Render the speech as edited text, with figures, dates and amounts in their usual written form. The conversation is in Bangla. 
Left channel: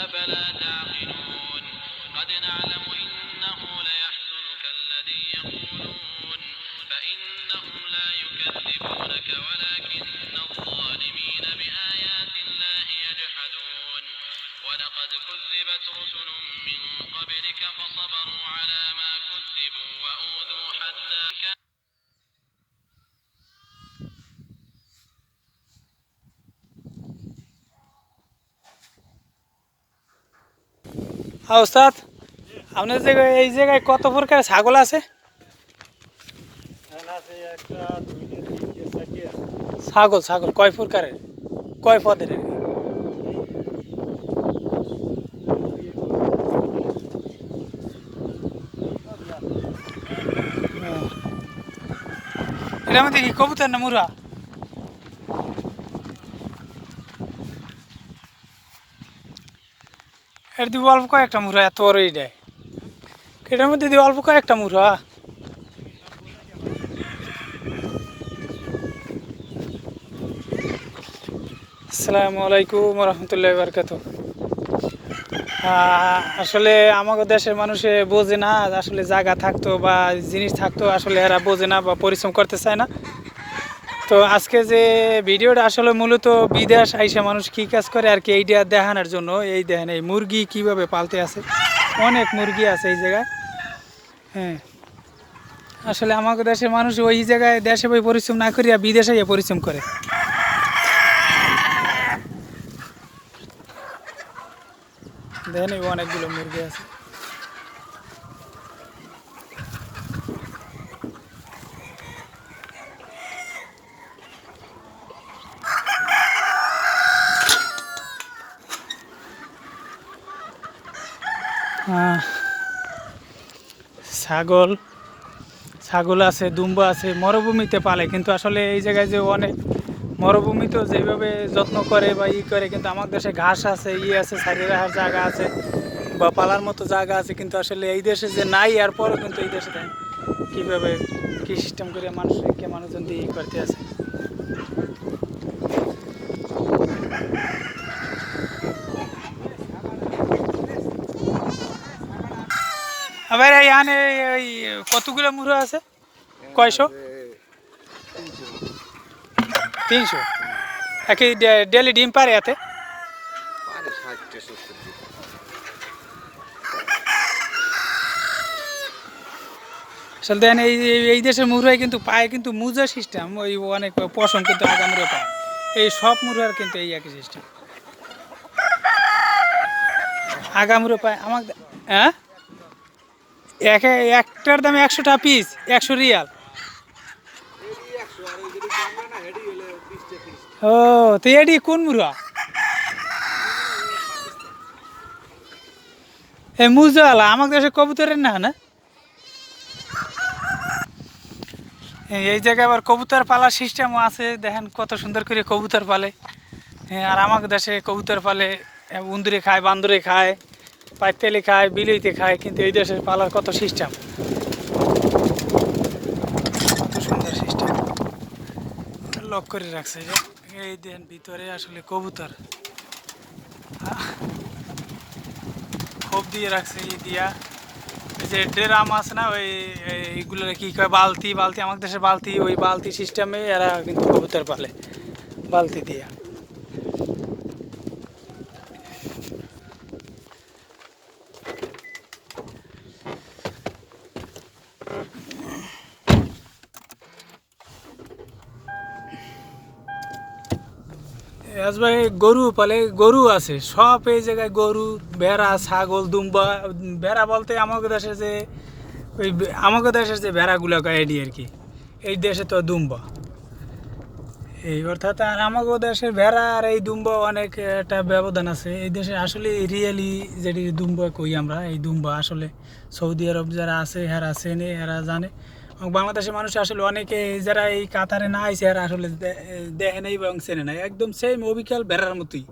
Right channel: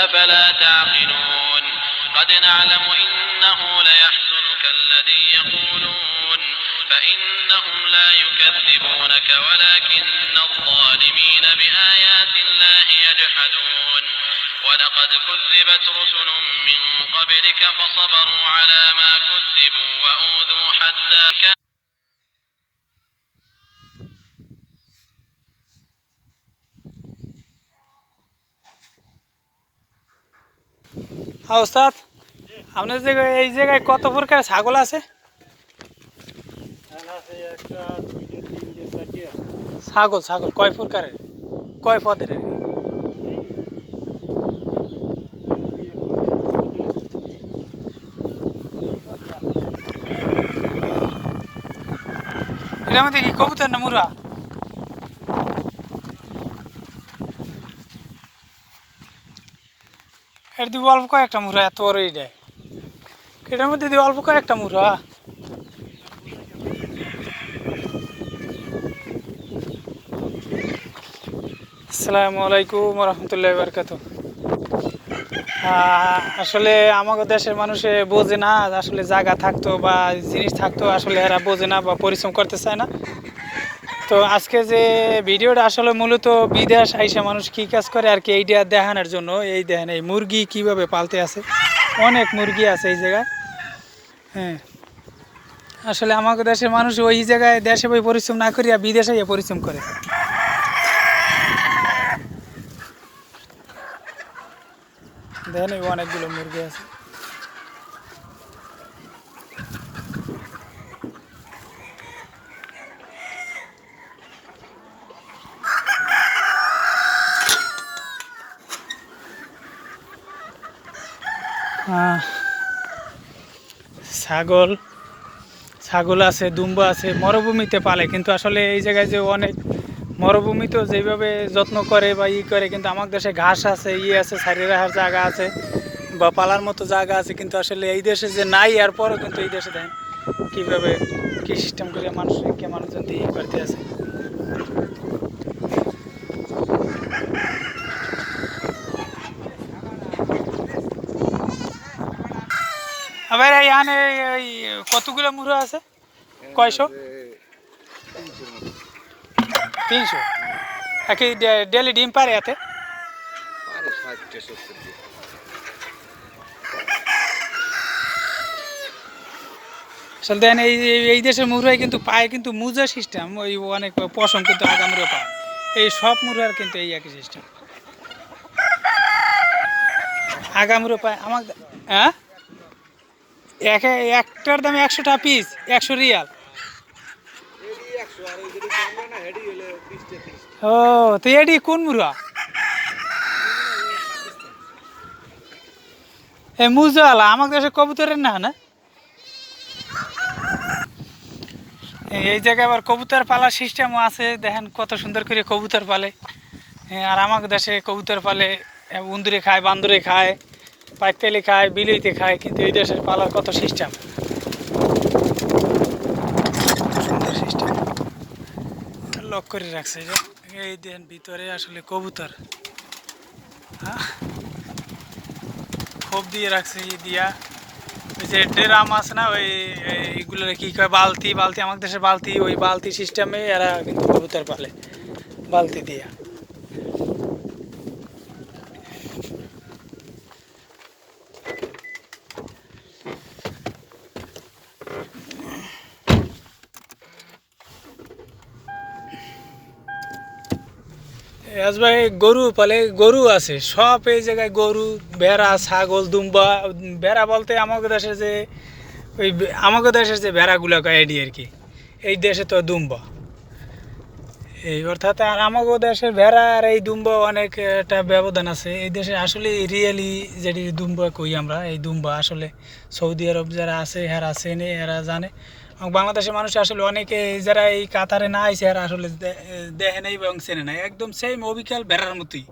أفلا تعقلون قد نعلم إنه ليحزنك الذي يقولون فإنهم لا يكذبونك ولكن الظالمين بآيات الله يجحدون ولقد كذبت رسل من قبلك فصبروا على ما كذبوا وأوذوا حتى ওস্তাদ আপনার জায়গায় এই জায়গায় কত প্রকার ছাগল আছে? ছাগল ছাগল কয় প্রকারের, কয় পদের? এটার মধ্যে কি কবুতর না মুরা? এর দিব অল্প কয়েকটা মুরা, এত বড় দেয়। এটার মধ্যে দিব অল্প কয়েকটা মুরা। আসসালামু আলাইকুম রহমতুল্লাহ বারকাত। আসলে আমাদের দেশের মানুষে বোঝে না, আসলে জায়গা থাকতো বা জিনিস থাকতো আসলে এরা বোঝে না বা পরিশ্রম করতে চায় না। তো আজকে যে ভিডিওটা আসলে মূলত বিদেশ আইসা মানুষ কী কাজ করে আর কি এইটা দেখানোর জন্য। এই দেখেন এই মুরগি কিভাবে পালতে আছে, অনেক মুরগি আছে এই জায়গায়। হ্যাঁ, আসলে আমাদের দেশের মানুষ ওই জায়গায় দেশে বই পরিশ্রম না করিয়া বিদেশে গিয়ে পরিশ্রম করে। দেখেন এই অনেকগুলো মুরগি আছে। ছাগল ছাগল আছে, দুম্বা আছে, মরুভূমিতে পালে। কিন্তু আসলে এই জায়গায় যে অনেক মরুভূমি তো যেভাবে যত্ন করে বা করে, কিন্তু আমার দেশে ঘাস আছে, আছে, ছাড়িয়ে রাখার জায়গা আছে বা পালার মতো জায়গা আছে। কিন্তু আসলে এই দেশে যে নাই, এরপরও কিন্তু এই দেশে দেখেন কীভাবে কী সিস্টেম করে মানুষজন দিয়ে করতে আছে। আবার এখানে ওই কতগুলো মুরগি আছে? কয়শো? 300? একই ডেলি ডিম পারে এতে? আসলে দেন এই দেশের মুরগি কিন্তু পায় কিন্তু মুজা সিস্টেম, ওই অনেক পশম কিন্তু আগামুরে পায়। এই সব মুরগার কিন্তু এই একই সিস্টেম, আগামুরে পায়। আমার হ্যাঁ, একটার দাম 100 টাকা পিস, 100 রিয়াল। ও, তো এটি কোন মুরগা? এই মুজাওয়ালা আমার দেশে কবুতরের না না। এই জায়গায় আবার কবুতর পালার সিস্টেমও আছে, দেখেন কত সুন্দর করে কবুতর পালে। আর আমার দেশে কবুতর পালে উন্দুরে খায়, বান্দরে খায়, পাইতেলে খায়, বিলেইতে খায়। কিন্তু এই দেশের পালার কত সিস্টেম, কত সুন্দর সিস্টেম লক করে রাখছে। এই দেন ভিতরে আসলে কবুতর খোপ দিয়ে রাখছে দিয়া। ওই যে ড্রাম আছে না, ওই এইগুলো কি কয়, বালতি বালতি, আমাদের দেশের বালতি, ওই বালতি সিস্টেমে এরা কিন্তু কবুতর পালে, বালতি দিয়া। ভাই গরু পালে, গরু আছে সব এই জায়গায়, গরু, ভেড়া, ছাগল, দুম্বা। ভেড়া বলতে আমাদের দেশে যে ওই আমাদের দেশের যে ভেড়াগুলো এডি আর কি, এই দেশে তো দুম্বা এই অর্থাৎ। আর আমাদের দেশের ভেড়া আর এই দুম্বা অনেক একটা ব্যবধান আছে। এই দেশে আসলে রিয়েলি যেটি দুম্বা কই আমরা, এই দুম্বা আসলে সৌদি আরব যারা আছে এরা চেনে, এরা জানে। বাংলাদেশের মানুষ আসলে অনেকে যারা এই কাতারে না আইছে এরা আসলে দেখে নেই এবং চেনে নাই, একদম সেম অবিকাল ভেড়ার মতোই।